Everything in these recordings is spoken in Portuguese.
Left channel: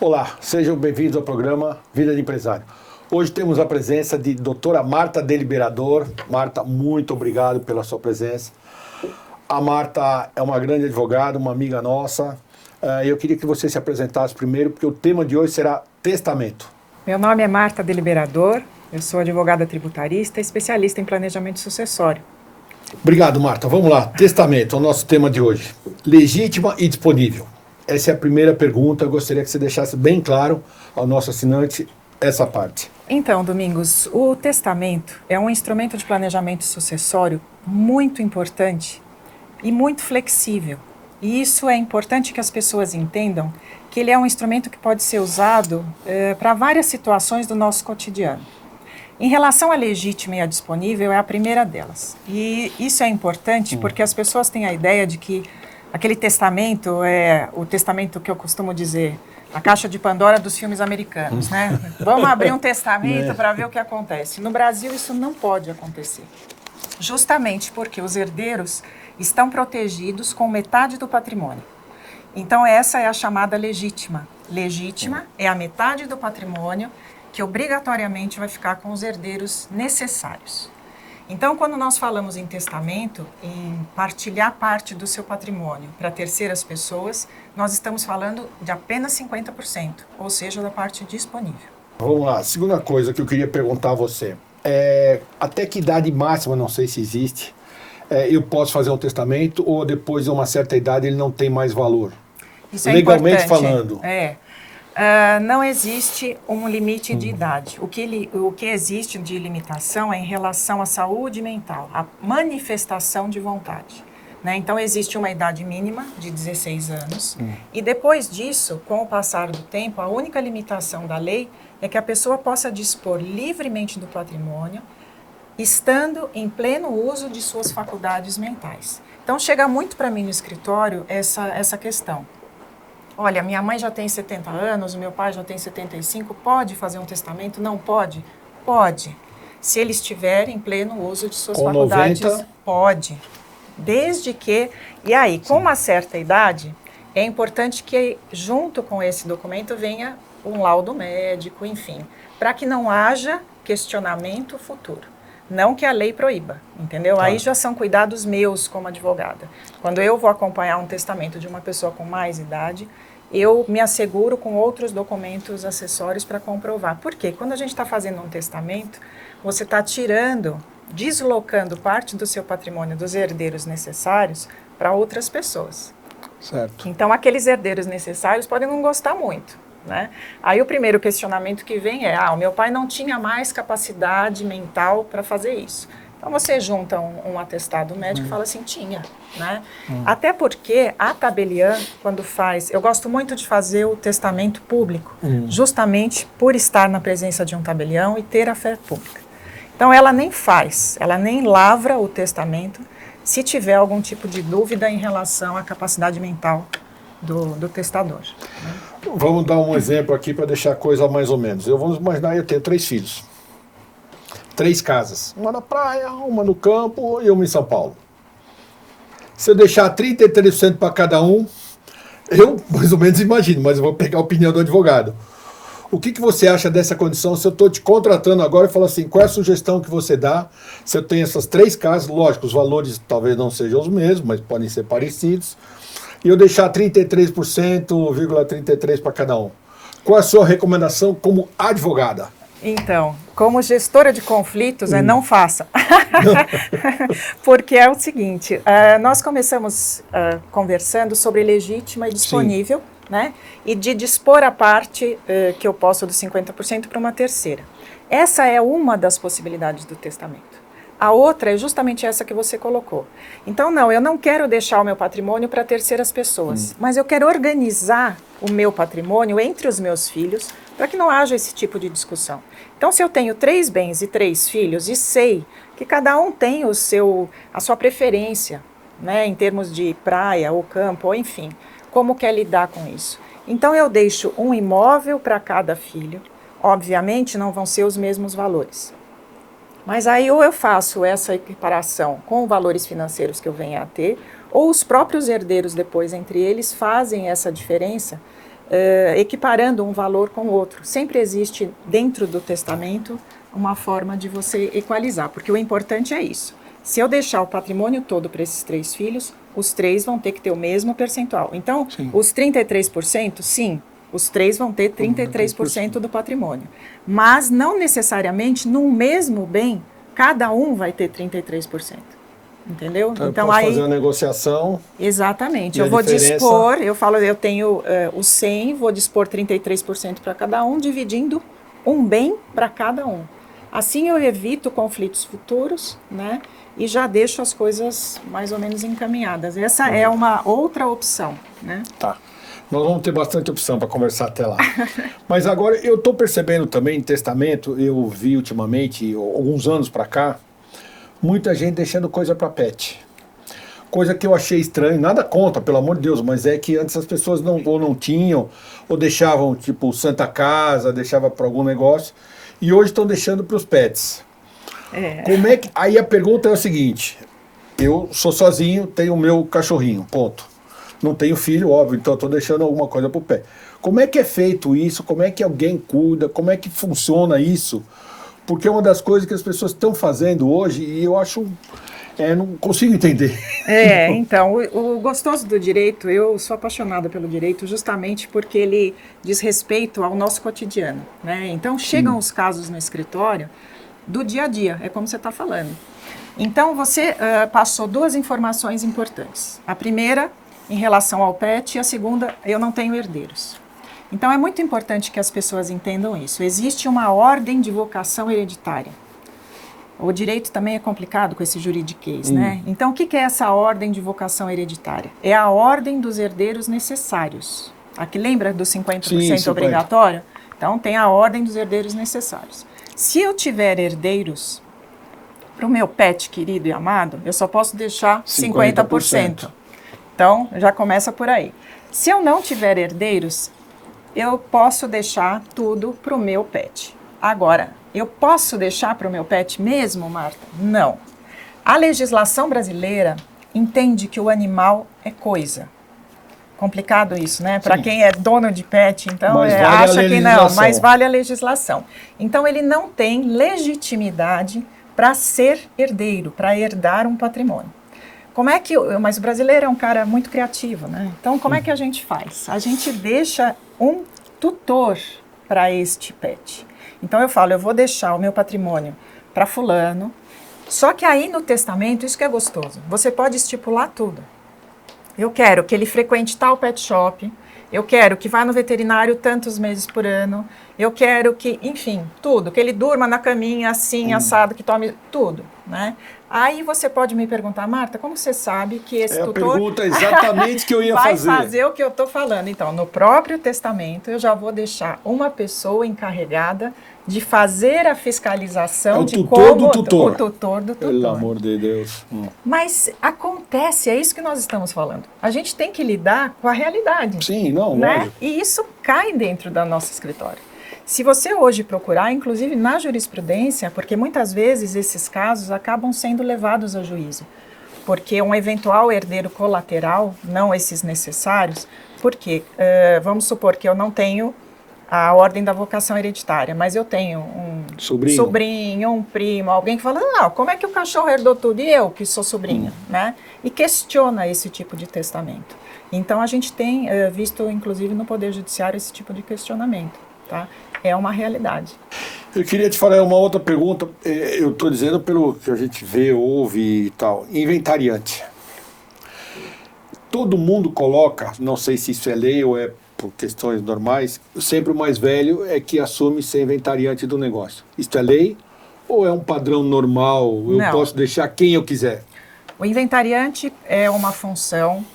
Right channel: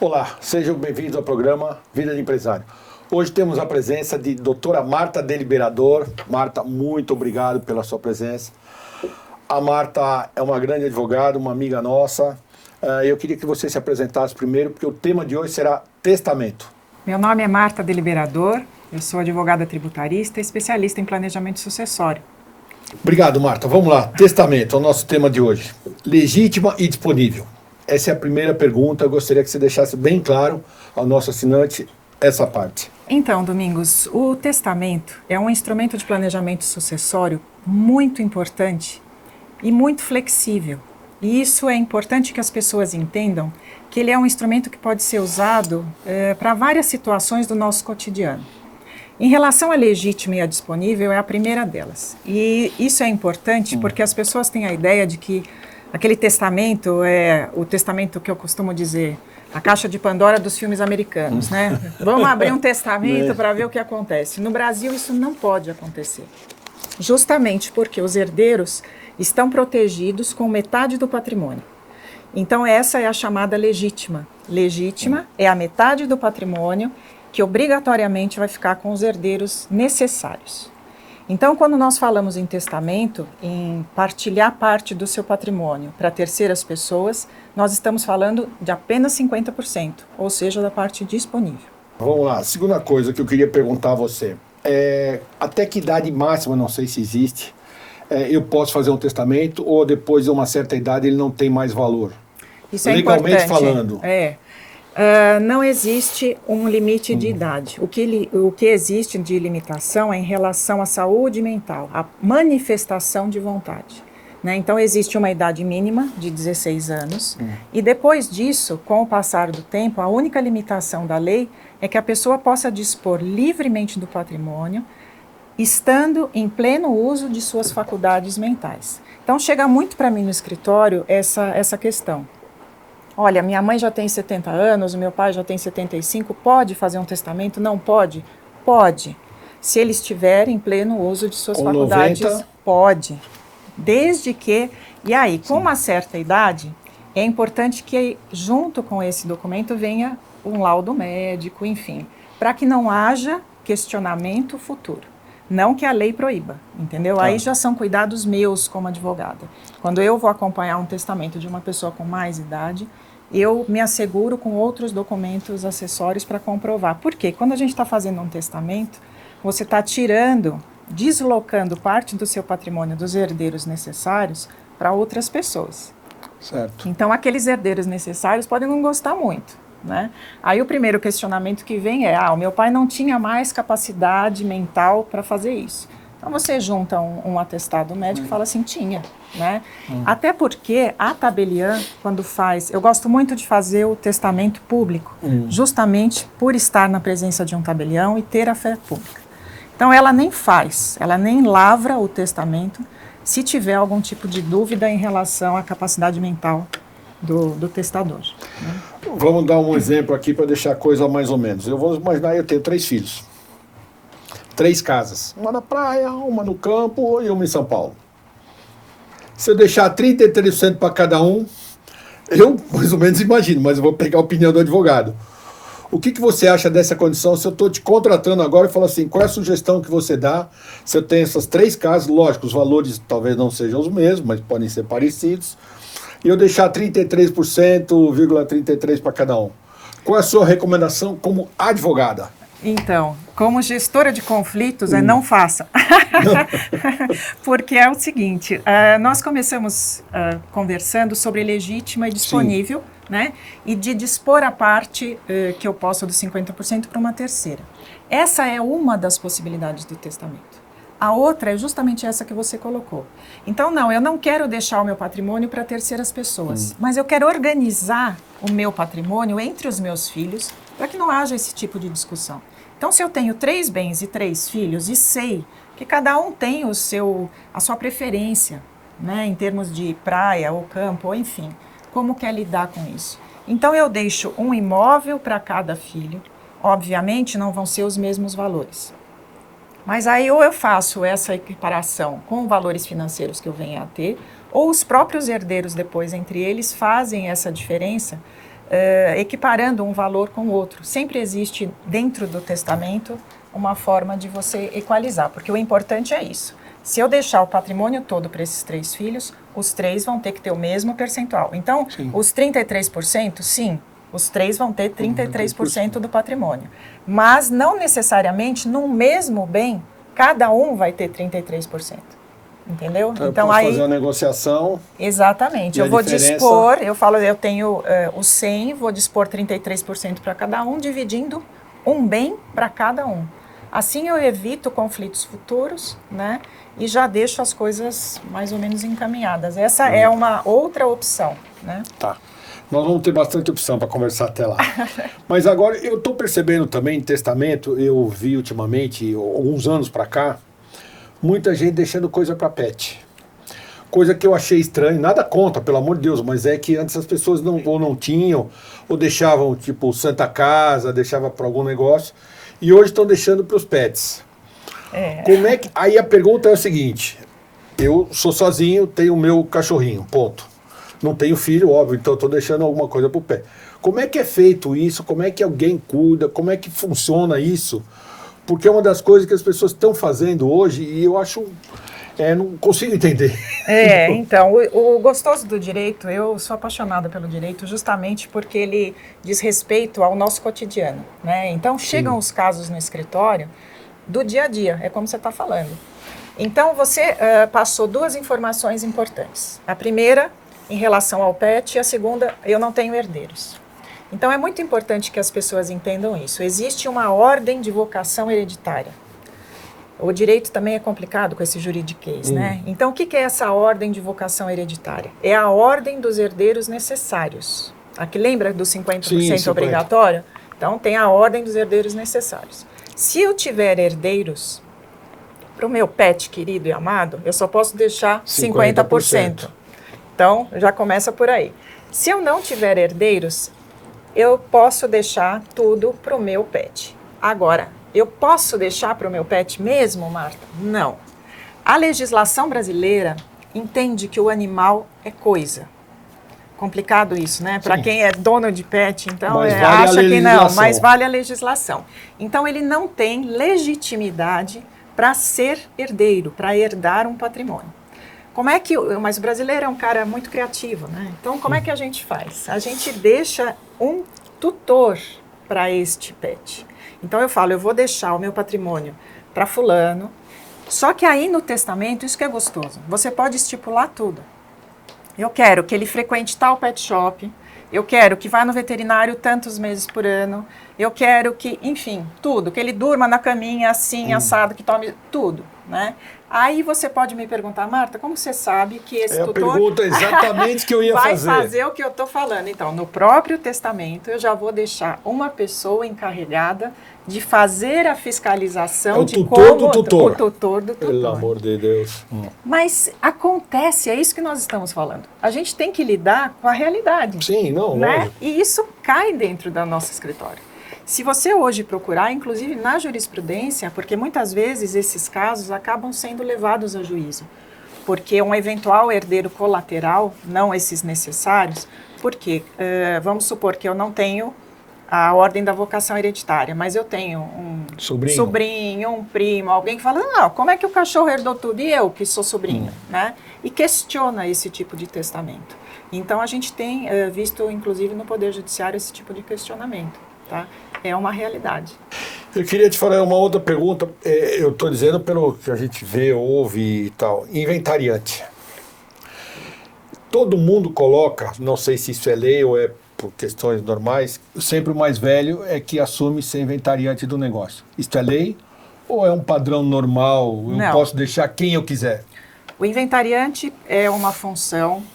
Olá, sejam bem-vindos ao programa Vida de Empresário. Hoje temos a presença de doutora Marta Deliberador. Marta, muito obrigado pela sua presença. A Marta é uma grande advogada, uma amiga nossa. Eu queria que você se apresentasse primeiro, porque o tema de hoje será testamento. Meu nome é Marta Deliberador, eu sou advogada tributarista e especialista em planejamento sucessório. Obrigado, Marta. Vamos lá. Testamento, é o nosso tema de hoje. Legítima e disponível. Essa é a primeira pergunta. Eu gostaria que você deixasse bem claro ao nosso assinante essa parte. Então, Domingos, o testamento é um instrumento de planejamento sucessório muito importante e muito flexível. E isso é importante que as pessoas entendam que ele é um instrumento que pode ser usado para várias situações do nosso cotidiano. Em relação à legítima e à disponível, é a primeira delas. E isso é importante porque as pessoas têm a ideia de que aquele testamento é o testamento que eu costumo dizer, a caixa de Pandora dos filmes americanos, né? Vamos abrir um testamento para ver o que acontece. No Brasil, isso não pode acontecer. Justamente porque os herdeiros estão protegidos com metade do patrimônio. Então, essa é a chamada legítima. Legítima é a metade do patrimônio que obrigatoriamente vai ficar com os herdeiros necessários. Então, quando nós falamos em testamento, em partilhar parte do seu patrimônio para terceiras pessoas, nós estamos falando de apenas 50%, ou seja, da parte disponível. Vamos lá. Segunda coisa que eu queria perguntar a você. Até que idade máxima, não sei se existe, eu posso fazer um testamento ou depois de uma certa idade ele não tem mais valor? Isso é Legalmente importante. falando. Não existe um limite de idade. O que existe de limitação é em relação à saúde mental, à manifestação de vontade. Né? Então, existe uma idade mínima de 16 anos, e depois disso, com o passar do tempo, a única limitação da lei é que a pessoa possa dispor livremente do patrimônio, estando em pleno uso de suas faculdades mentais. Então, chega muito para mim no escritório essa questão. Olha, minha mãe já tem 70 anos, o meu pai já tem 75, pode fazer um testamento? Não pode? Pode. Se ele estiver em pleno uso de suas Ou faculdades, 90. pode. Desde que, e aí, com uma certa idade, é importante que junto com esse documento venha um laudo médico, enfim, para que não haja questionamento futuro. Não que a lei proíba, entendeu? Aí já são cuidados meus como advogada. Quando eu vou acompanhar um testamento de uma pessoa com mais idade, eu me asseguro com outros documentos acessórios para comprovar. Por quê? Quando a gente está fazendo um testamento, você está deslocando parte do seu patrimônio dos herdeiros necessários para outras pessoas. Então, aqueles herdeiros necessários podem não gostar muito. Né? Aí o primeiro questionamento que vem é, o meu pai não tinha mais capacidade mental para fazer isso. Então, você junta um atestado médico e fala assim, tinha. Né? Até porque a tabeliã, quando faz, eu gosto muito de fazer o testamento público, justamente por estar na presença de um tabelião e ter a fé pública. Então ela nem lavra o testamento se tiver algum tipo de dúvida em relação à capacidade mental do testador. Né? Vamos dar um exemplo aqui para deixar a coisa mais ou menos. Vamos imaginar, eu tenho 3 filhos. 3 casas. Uma na praia, uma no campo e uma em São Paulo. Se eu deixar 33% para cada um, eu mais ou menos imagino, mas eu vou pegar a opinião do advogado. O que você acha dessa condição? Se eu estou te contratando agora e falo assim, qual é a sugestão que você dá? Se eu tenho essas 3 casas, lógico, os valores talvez não sejam os mesmos, mas podem ser parecidos, e eu deixar 33,33% para cada um. Qual é a sua recomendação como advogada? Então, como gestora de conflitos, não faça. Porque é o seguinte, nós começamos conversando sobre legítima e disponível, né? E de dispor a parte que eu posso dos 50% para uma terceira. Essa é uma das possibilidades do testamento. A outra é justamente essa que você colocou. Então, eu não quero deixar o meu patrimônio para terceiras pessoas, mas eu quero organizar o meu patrimônio entre os meus filhos para que não haja esse tipo de discussão. Então, se eu tenho 3 bens e 3 filhos e sei que cada um tem a sua preferência, né, em termos de praia ou campo, ou enfim, como quer lidar com isso? Então, eu deixo um imóvel para cada filho, obviamente não vão ser os mesmos valores. Mas aí ou eu faço essa equiparação com valores financeiros que eu venha a ter, ou os próprios herdeiros depois entre eles fazem essa diferença equiparando um valor com o outro. Sempre existe dentro do testamento uma forma de você equalizar, porque o importante é isso. Se eu deixar o patrimônio todo para esses 3 filhos, os 3 vão ter que ter o mesmo percentual. Então, os 33%, sim, os 3 vão ter 33% do patrimônio. Mas não necessariamente num mesmo bem, cada um vai ter 33%. Entendeu? Então aí fazer uma negociação. Exatamente. Eu vou dispor, eu falo, eu tenho os 100, vou dispor 33% para cada um, dividindo um bem para cada um. Assim eu evito conflitos futuros, né? E já deixo as coisas mais ou menos encaminhadas. Essa é uma outra opção, né? Tá. Nós vamos ter bastante opção para conversar até lá. Mas agora eu estou percebendo também em testamento, eu vi ultimamente, alguns anos para cá, muita gente deixando coisa para pet. Coisa que eu achei estranho, nada contra, pelo amor de Deus, mas é que antes as pessoas não tinham, ou deixavam tipo Santa Casa, deixava para algum negócio, e hoje estão deixando para os pets. Como é que... Aí a pergunta é o seguinte, eu sou sozinho, tenho o meu cachorrinho, ponto. Não tenho filho, óbvio, então estou deixando alguma coisa para o pet. Como é que é feito isso? Como é que alguém cuida? Como é que funciona isso? Porque é uma das coisas que as pessoas estão fazendo hoje e eu acho... não consigo entender. Então, o gostoso do direito, eu sou apaixonada pelo direito justamente porque ele diz respeito ao nosso cotidiano, né? Então, chegam os casos no escritório do dia a dia, é como você está falando. Então, você passou 2 informações importantes. A primeira, em relação ao pet, e a segunda, eu não tenho herdeiros. Então, é muito importante que as pessoas entendam isso. Existe uma ordem de vocação hereditária. O direito também é complicado com esse juridiquês, né? Então, o que é essa ordem de vocação hereditária? É a ordem dos herdeiros necessários. Aqui lembra do 50% obrigatório? Então, tem a ordem dos herdeiros necessários. Se eu tiver herdeiros para o meu pet querido e amado, eu só posso deixar 50%. Então, já começa por aí. Se eu não tiver herdeiros, eu posso deixar tudo para o meu pet. Agora, eu posso deixar para o meu pet mesmo, Marta? Não. A legislação brasileira entende que o animal é coisa. Complicado isso, né? Para quem é dono de pet, então acha que não, mas vale a legislação. Então, ele não tem legitimidade para ser herdeiro, para herdar um patrimônio. Como é que... Mas o brasileiro é um cara muito criativo, né? Então, como é que a gente faz? A gente deixa um tutor para este pet. Então, eu falo, eu vou deixar o meu patrimônio para fulano, só que aí no testamento, isso que é gostoso, você pode estipular tudo. Eu quero que ele frequente tal pet shop, eu quero que vá no veterinário tantos meses por ano, eu quero que, enfim, tudo, que ele durma na caminha assim, assado, que tome tudo, né? Aí você pode me perguntar, Marta, como você sabe que esse tutor... Pergunta exatamente que eu ia vai fazer o que eu estou falando. Então, no próprio testamento, eu já vou deixar uma pessoa encarregada de fazer a fiscalização de como... O tutor do tutor. Pelo amor de Deus. Mas acontece, é isso que nós estamos falando. A gente tem que lidar com a realidade. Sim, não, né? E isso cai dentro do nosso escritório. Se você hoje procurar, inclusive na jurisprudência, porque muitas vezes esses casos acabam sendo levados a juízo, porque um eventual herdeiro colateral, não esses necessários, porque vamos supor que eu não tenho a ordem da vocação hereditária, mas eu tenho um sobrinho, um primo, alguém que fala, não, como é que o cachorro herdou tudo e eu que sou sobrinho, né? E questiona esse tipo de testamento. Então, a gente tem visto, inclusive, no Poder Judiciário, esse tipo de questionamento, tá? É uma realidade. Eu queria te fazer uma outra pergunta, eu estou dizendo pelo que a gente vê, ouve e tal, inventariante. Todo mundo coloca, não sei se isso é lei ou é por questões normais, sempre o mais velho é que assume ser inventariante do negócio. Isso é lei ou é um padrão normal? Eu posso deixar quem eu quiser? O inventariante é uma função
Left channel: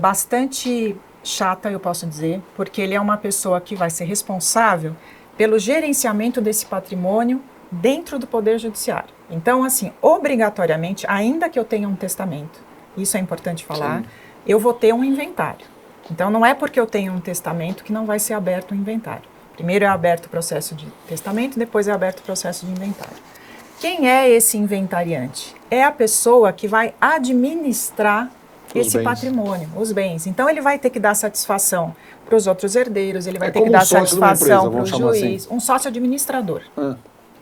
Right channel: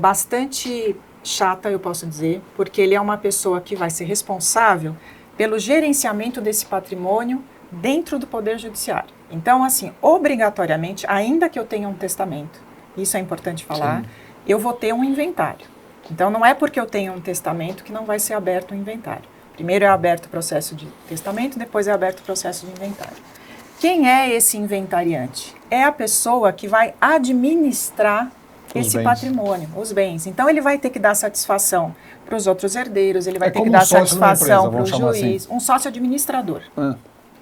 bastante chata, eu posso dizer, porque ele é uma pessoa que vai ser responsável pelo gerenciamento desse patrimônio dentro do Poder Judiciário. Então, assim, obrigatoriamente, ainda que eu tenha um testamento, isso é importante falar, eu vou ter um inventário. Então, não é porque eu tenho um testamento que não vai ser aberto o inventário. Primeiro é aberto o processo de testamento, depois é aberto o processo de inventário. Quem é esse inventariante? É a pessoa que vai administrar esse bens. patrimônio, os bens. Então ele vai ter que dar satisfação para os outros herdeiros, ele vai ter que como dar um sócio de uma satisfação empresa, para o vamos chamar juiz, assim. um sócio administrador. Ah,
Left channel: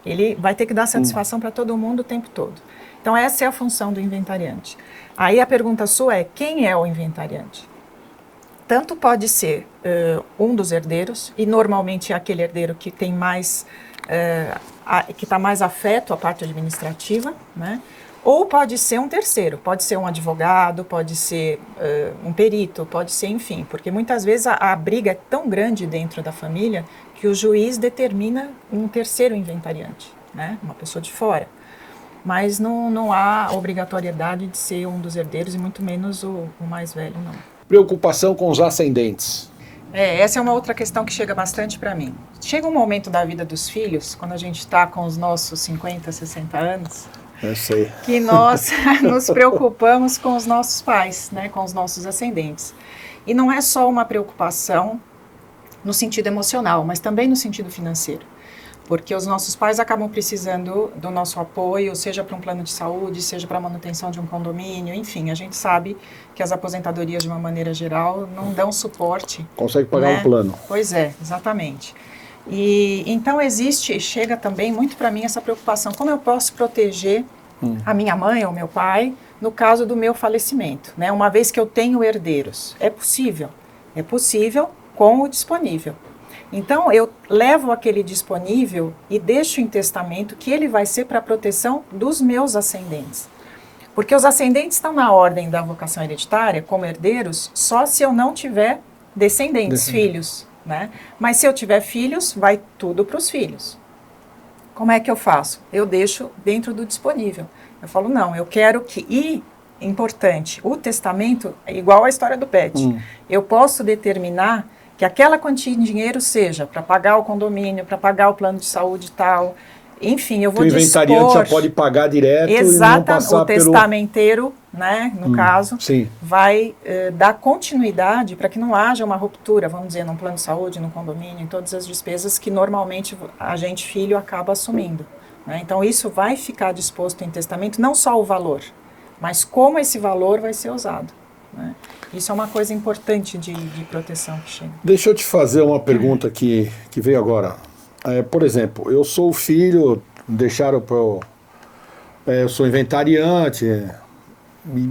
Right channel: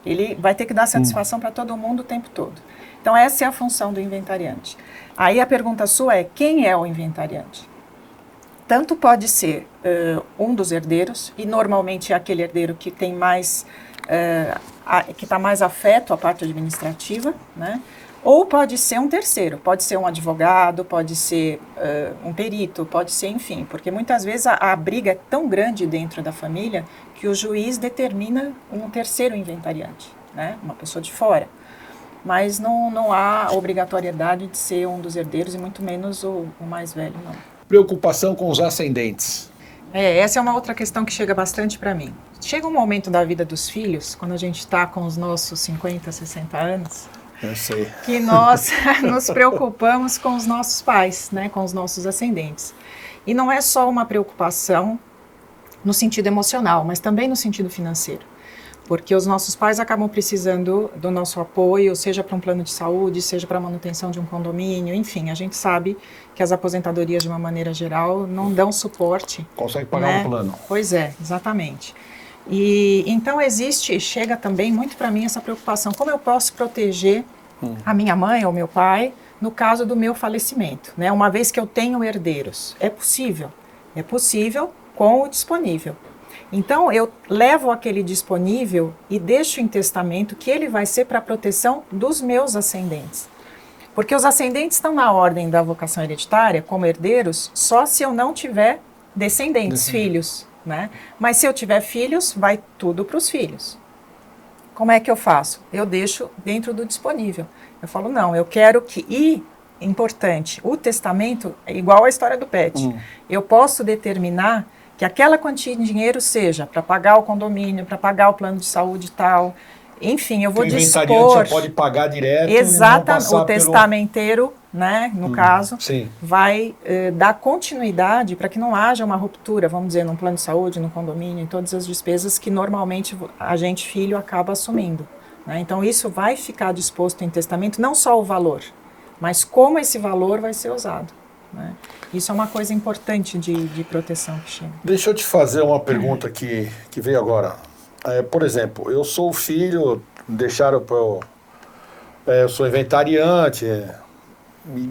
Ele vai ter que dar satisfação para todo mundo o tempo todo. Então essa é a função do inventariante. Aí a pergunta sua é, quem é o inventariante? Tanto pode ser um dos herdeiros, e normalmente é aquele herdeiro que tem mais, que está mais afeto à parte administrativa, né? Ou pode ser um terceiro, pode ser um advogado, pode ser um perito, pode ser, enfim, porque muitas vezes a briga é tão grande dentro da família que o juiz determina um terceiro inventariante, né? Uma pessoa de fora. Mas não há obrigatoriedade de ser um dos herdeiros, e muito menos o mais velho, não. preocupação com os ascendentes. Essa é uma outra questão que chega bastante para mim. Chega um momento da vida dos filhos, quando a gente está com os nossos 50, 60 anos, Eu sei. que nós nos preocupamos com os nossos pais, né, com os nossos ascendentes. E não é só uma preocupação no sentido emocional, mas também no sentido financeiro. Porque os nossos pais acabam precisando do nosso apoio, seja para um plano de saúde, seja para a manutenção de um condomínio, enfim, a gente sabe que as aposentadorias, de uma maneira geral, não dão suporte. Consegue pagar né? o plano. Pois é, exatamente. E então chega também muito para mim essa preocupação, como eu posso proteger a minha mãe ou meu pai no caso do meu falecimento, né? Uma vez que eu tenho herdeiros. É possível com o disponível. Então, eu levo aquele disponível e deixo em testamento que ele vai ser para a proteção dos meus ascendentes. Porque os ascendentes estão na ordem da vocação hereditária, como herdeiros, só se eu não tiver descendentes, filhos, né? Mas se eu tiver filhos, vai tudo para os filhos. Como é que eu faço? Eu deixo dentro do disponível. Eu falo, não, eu quero que... E, importante, o testamento é igual à história do pet. Eu posso determinar que aquela quantia de dinheiro seja para pagar o condomínio, para pagar o plano de saúde e tal. Enfim, eu vou dispor... O inventariante já pode pagar direto Exatamente, e não o testamenteiro, né, no caso, sim. vai dar continuidade para que não haja uma ruptura, vamos dizer, num plano de saúde, num condomínio, em todas as despesas que normalmente a gente, filho, acaba assumindo. Né? Então, isso vai ficar disposto em testamento, não só o valor, mas como esse valor vai ser usado. Né? Isso é uma coisa importante de proteção que chega. Deixa eu te fazer uma pergunta que veio agora. Por exemplo, eu sou o filho, deixaram para eu sou inventariante,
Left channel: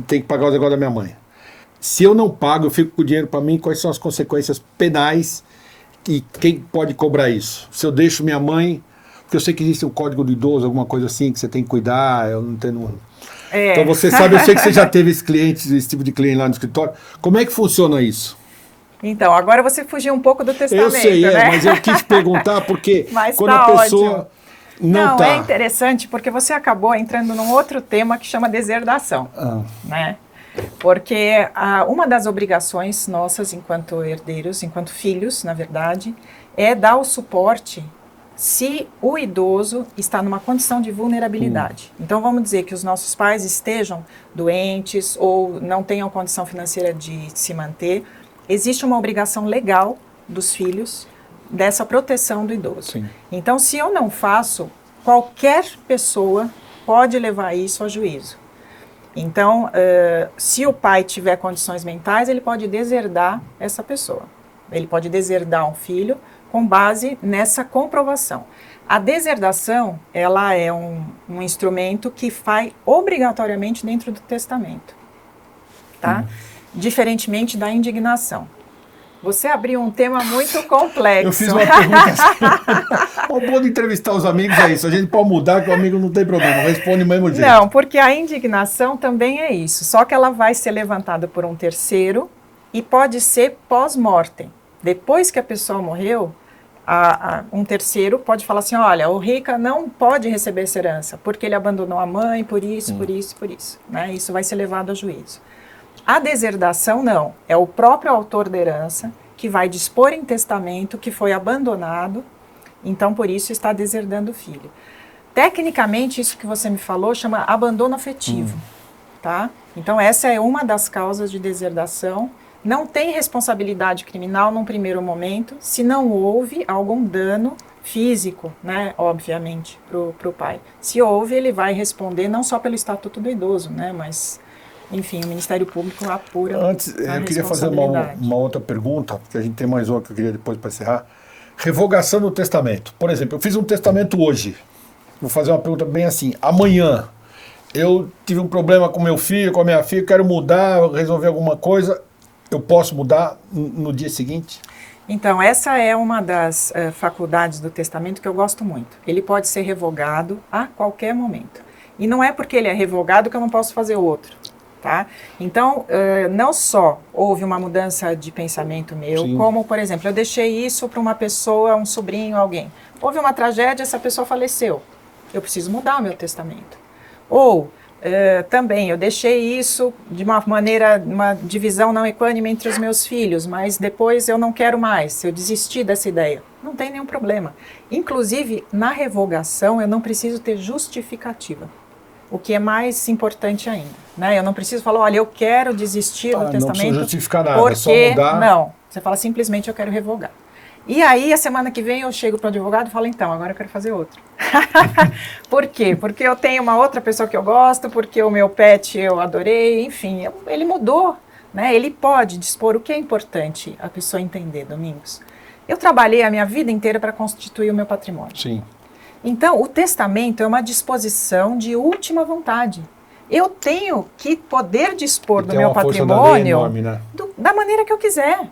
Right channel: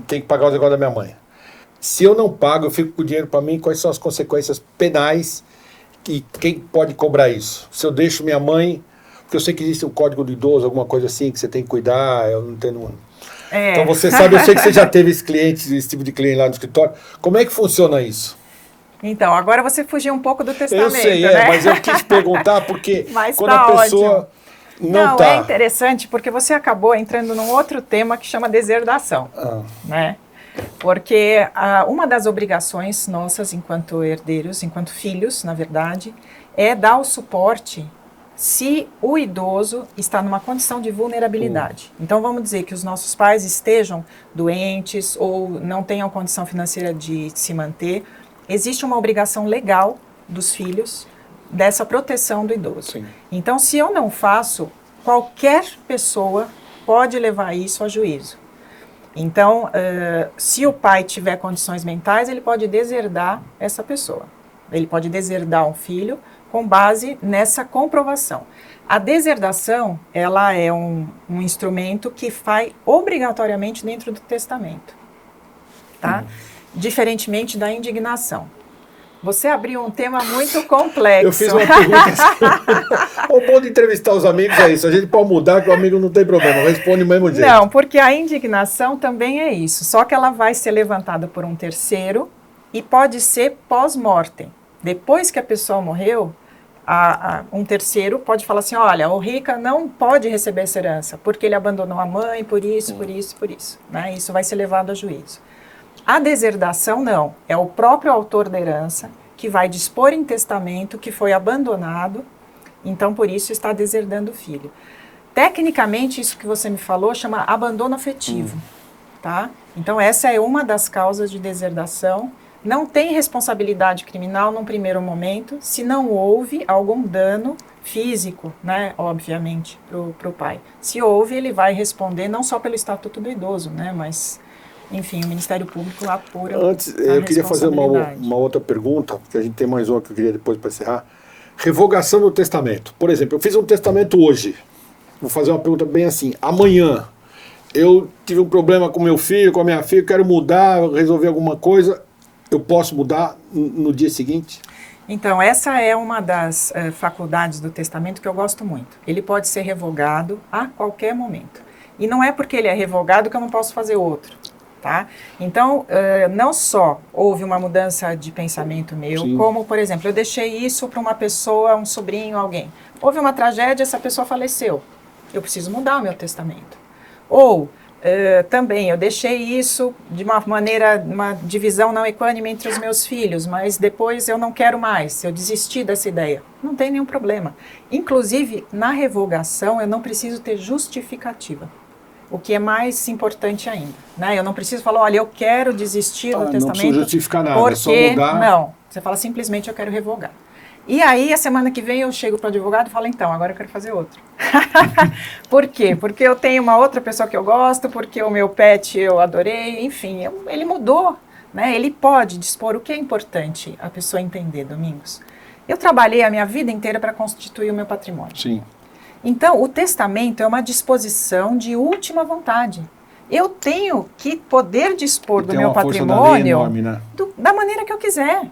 tenho que pagar os negócios da minha mãe. Se eu não pago, eu fico com o dinheiro para mim, quais são as consequências penais e quem pode cobrar isso? Se eu deixo minha mãe, eu sei que existe um código do idoso, alguma coisa assim, que você tem que cuidar, eu não tenho... Então você sabe, eu sei que você já teve esse tipo de cliente lá no escritório. Como é que funciona isso? Então, agora você fugiu um pouco do testamento, eu sei, né? Mas eu quis perguntar porque mas quando tá a pessoa ótimo. não tá... É interessante porque você acabou entrando num outro tema que chama deserdação, né? Porque uma das obrigações nossas enquanto herdeiros, enquanto filhos, na verdade, é dar o suporte se o idoso está numa condição de vulnerabilidade. Então, vamos dizer que os nossos pais estejam doentes ou não tenham condição financeira de se manter, existe uma obrigação legal dos filhos dessa proteção do idoso. Então, se eu não faço, qualquer pessoa pode levar isso a juízo. Então, se o pai tiver condições mentais, ele pode deserdar essa pessoa. Ele pode deserdar um filho com base nessa comprovação. A deserdação, ela é um instrumento que vai obrigatoriamente dentro do testamento, tá? Diferentemente da indignação. Você abriu um tema muito complexo. Eu fiz uma pergunta. O bom de entrevistar os amigos é isso. A gente pode mudar, que o amigo não tem problema. Responde do mesmo jeito. Não, porque a indignação também é isso. Só que ela vai ser levantada por um terceiro e pode ser pós-mortem. Depois que a pessoa morreu, um terceiro pode falar assim, olha, o Rica não pode receber essa herança, porque ele abandonou a mãe, por isso. Né? Isso vai ser levado a juízo. A deserdação não, é o próprio autor da herança que vai dispor em testamento que foi abandonado, então por isso está deserdando o filho. Tecnicamente, isso que você me falou chama abandono afetivo, tá? Então essa é uma das causas de deserdação. Não tem responsabilidade criminal num primeiro momento, se não houve algum dano físico, né, obviamente, para o pai. Se houve, ele vai responder não só pelo Estatuto do Idoso, né, mas enfim, o Ministério Público apura Antes, a eu queria fazer responsabilidade. uma outra pergunta, a gente tem mais uma que eu queria depois para encerrar. Revogação do testamento. Por exemplo, eu fiz um testamento hoje. Vou fazer uma pergunta bem assim. Amanhã, eu tive um problema com meu filho, com a minha filha, quero mudar, resolver alguma coisa. Eu posso mudar no dia seguinte? Então, essa é uma das faculdades do testamento que eu gosto muito. Ele pode ser revogado a qualquer momento. E não é porque ele é revogado que eu não posso fazer outro. Tá? Então, não só houve uma mudança de pensamento meu, como, por exemplo, eu deixei isso para uma pessoa, um sobrinho, alguém. Houve uma tragédia, essa pessoa faleceu. Eu preciso mudar o meu testamento. Ou, também, eu deixei isso de uma maneira, uma divisão não equânime entre os meus filhos, mas depois eu não quero mais, eu desisti dessa ideia. Não tem nenhum problema. Inclusive, na revogação, eu não preciso ter justificativa. O que é mais importante ainda, né? Eu não preciso falar, olha, eu quero desistir do testamento, não justificar nada, porque só mudar. Não, você fala simplesmente eu quero revogar. E aí, a semana que vem eu chego para o advogado e falo, então, agora eu quero fazer outro. Por quê? Porque eu tenho uma outra pessoa que eu gosto, porque o meu pet eu adorei, enfim, ele mudou, né? Ele pode dispor. O que é importante a pessoa entender, Domingos? Eu trabalhei a minha vida inteira para constituir o meu patrimônio. Sim. Então, o testamento é uma disposição de última vontade. Eu tenho que poder dispor do meu patrimônio enorme, né? da maneira que eu quiser.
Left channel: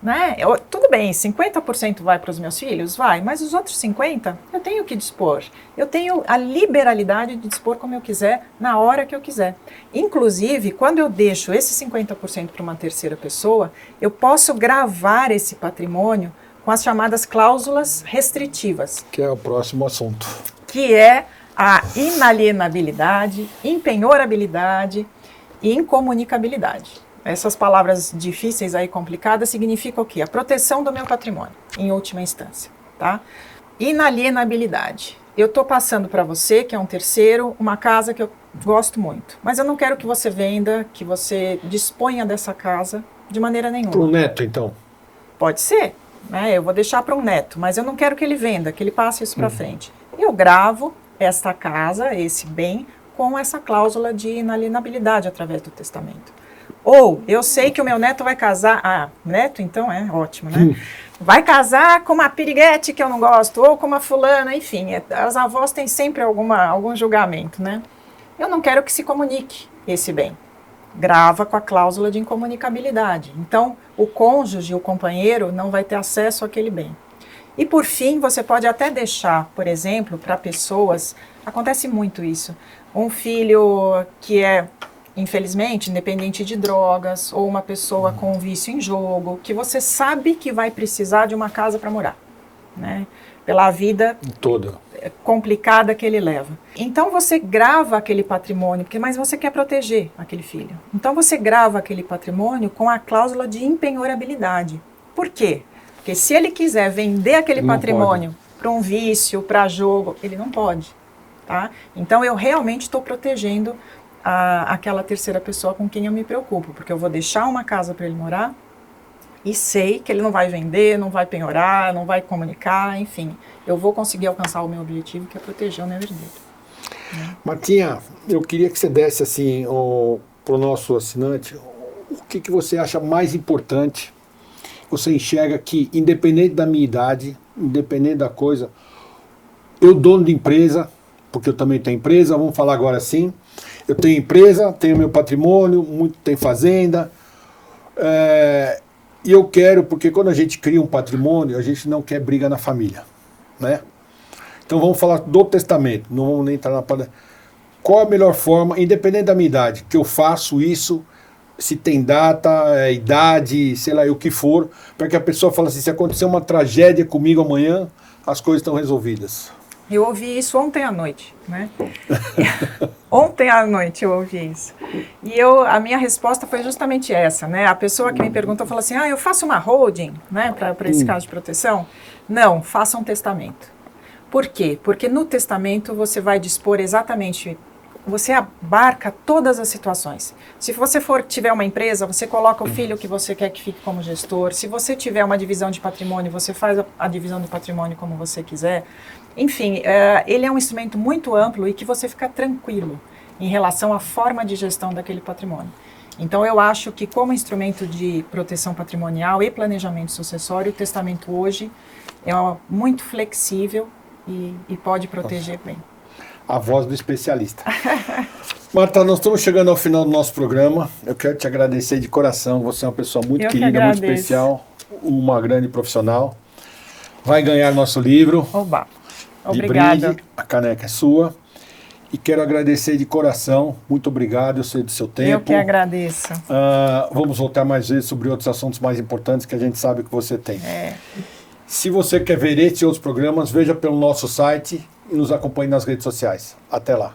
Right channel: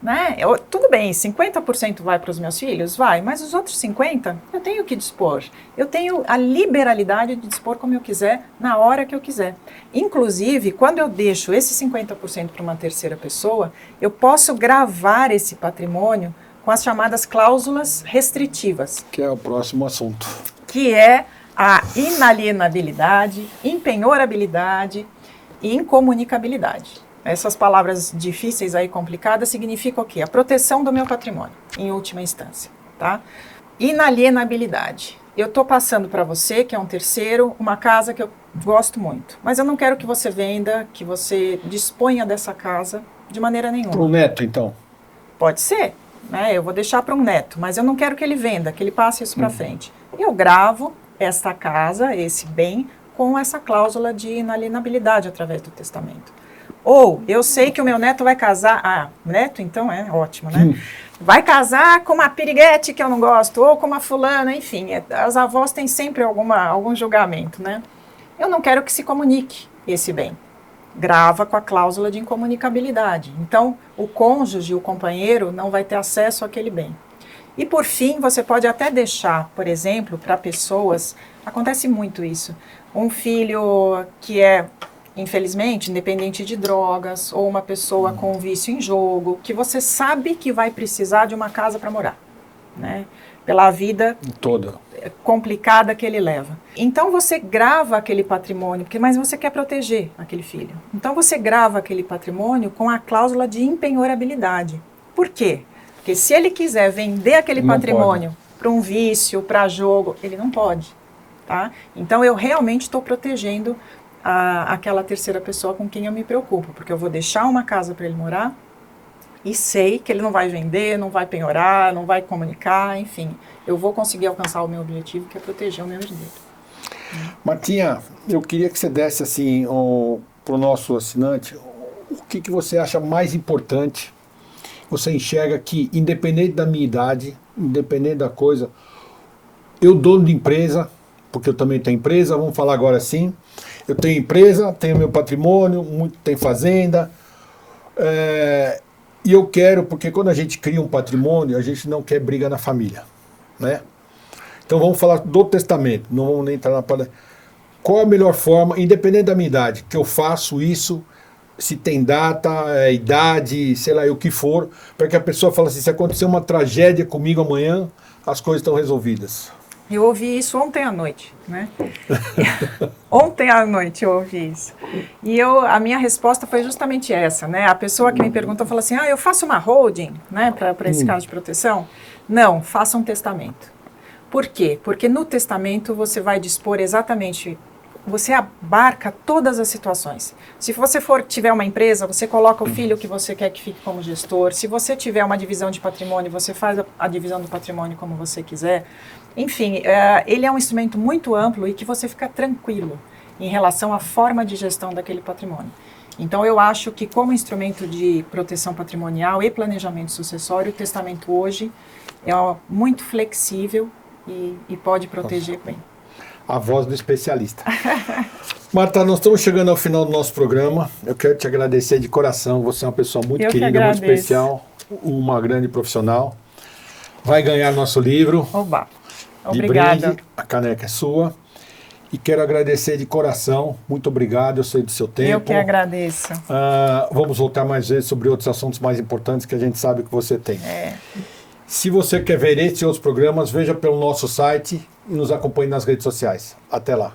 Né? Tudo bem, 50% vai para os meus filhos? Vai, mas os outros 50% eu tenho que dispor. Eu tenho a liberalidade de dispor como eu quiser, na hora que eu quiser. Inclusive, quando eu deixo esse 50% para uma terceira pessoa, eu posso gravar esse patrimônio com as chamadas cláusulas restritivas. Que é o próximo assunto. Que é a inalienabilidade, impenhorabilidade e incomunicabilidade. Essas palavras difíceis aí, complicadas, significam o quê? A proteção do meu patrimônio, em última instância, tá? Inalienabilidade. Eu estou passando para você, que é um terceiro, uma casa que eu gosto muito, mas eu não quero que você venda, que você disponha dessa casa de maneira nenhuma. O neto, então? Pode ser, né? Eu vou deixar para um neto, mas eu não quero que ele venda, que ele passe isso para frente. Eu gravo esta casa, esse bem, com essa cláusula de inalienabilidade através do testamento. Ou, eu sei que o meu neto vai casar... neto então é ótimo, né? Vai casar com uma piriguete que eu não gosto, ou com uma fulana, enfim. As avós têm sempre algum julgamento, né? Eu não quero que se comunique esse bem. Grava com a cláusula de incomunicabilidade. Então, o cônjuge, o companheiro, não vai ter acesso àquele bem. E, por fim, você pode até deixar, por exemplo, para pessoas... Acontece muito isso. Um filho que é... infelizmente, independente de drogas, ou uma pessoa com um vício em jogo, que você sabe que vai precisar de uma casa para morar, né? Pela vida toda complicada que ele leva. Então você grava aquele patrimônio, mas você quer proteger aquele filho. Então você grava aquele patrimônio com a cláusula de impenhorabilidade. Por quê? Porque se ele quiser vender aquele patrimônio para um vício, para jogo, ele não pode, tá? Então eu realmente estou protegendo aquela terceira pessoa com quem eu me preocupo, porque eu vou deixar uma casa para ele morar e sei que ele não vai vender, não vai penhorar, não vai comunicar, enfim, eu vou conseguir alcançar o meu objetivo, que é proteger o meu herdeiro. Né? Martinha, eu queria que você desse assim para o nosso assinante, o que você acha mais importante, você enxerga que, independente da minha idade, independente da coisa, eu dono de empresa, porque eu também tenho empresa, vamos falar agora assim, eu tenho empresa, tenho meu patrimônio, tem fazenda, e eu quero, porque quando a gente cria um patrimônio, a gente não quer briga na família, né? Então vamos falar do testamento, não vamos nem entrar na parte. Qual a melhor forma, independente da minha idade, que eu faço isso, se tem data, idade, sei lá, o que for, para que a pessoa fale assim, se acontecer uma tragédia comigo amanhã, as coisas estão resolvidas. Eu ouvi isso ontem à noite, né? Ontem à noite eu ouvi isso. E a minha resposta foi justamente essa, né? A pessoa que me perguntou falou assim, eu faço uma holding, né, para esse caso de proteção? Não, faça um testamento. Por quê? Porque no testamento você vai dispor exatamente, você abarca todas as situações. Se você tiver uma empresa, você coloca o filho que você quer que fique como gestor. Se você tiver uma divisão de patrimônio, você faz a divisão do patrimônio como você quiser. Enfim, ele é um instrumento muito amplo e que você fica tranquilo. em relação à forma de gestão daquele patrimônio. Então, eu acho que como instrumento de proteção patrimonial e planejamento sucessório, o testamento hoje é muito flexível e pode proteger bem. A voz do especialista. Marta, nós estamos chegando ao final do nosso programa. Eu quero te agradecer de coração. Você é uma pessoa muito querida, muito especial, uma grande profissional. Vai ganhar nosso livro. Oba! Obrigada. A caneca é sua. E quero agradecer de coração. Muito obrigado, eu sei do seu tempo. Eu que agradeço. Vamos voltar mais vezes sobre outros assuntos mais importantes que a gente sabe que você tem. É. Se você quer ver este e outros programas, veja pelo nosso site e nos acompanhe nas redes sociais. Até lá.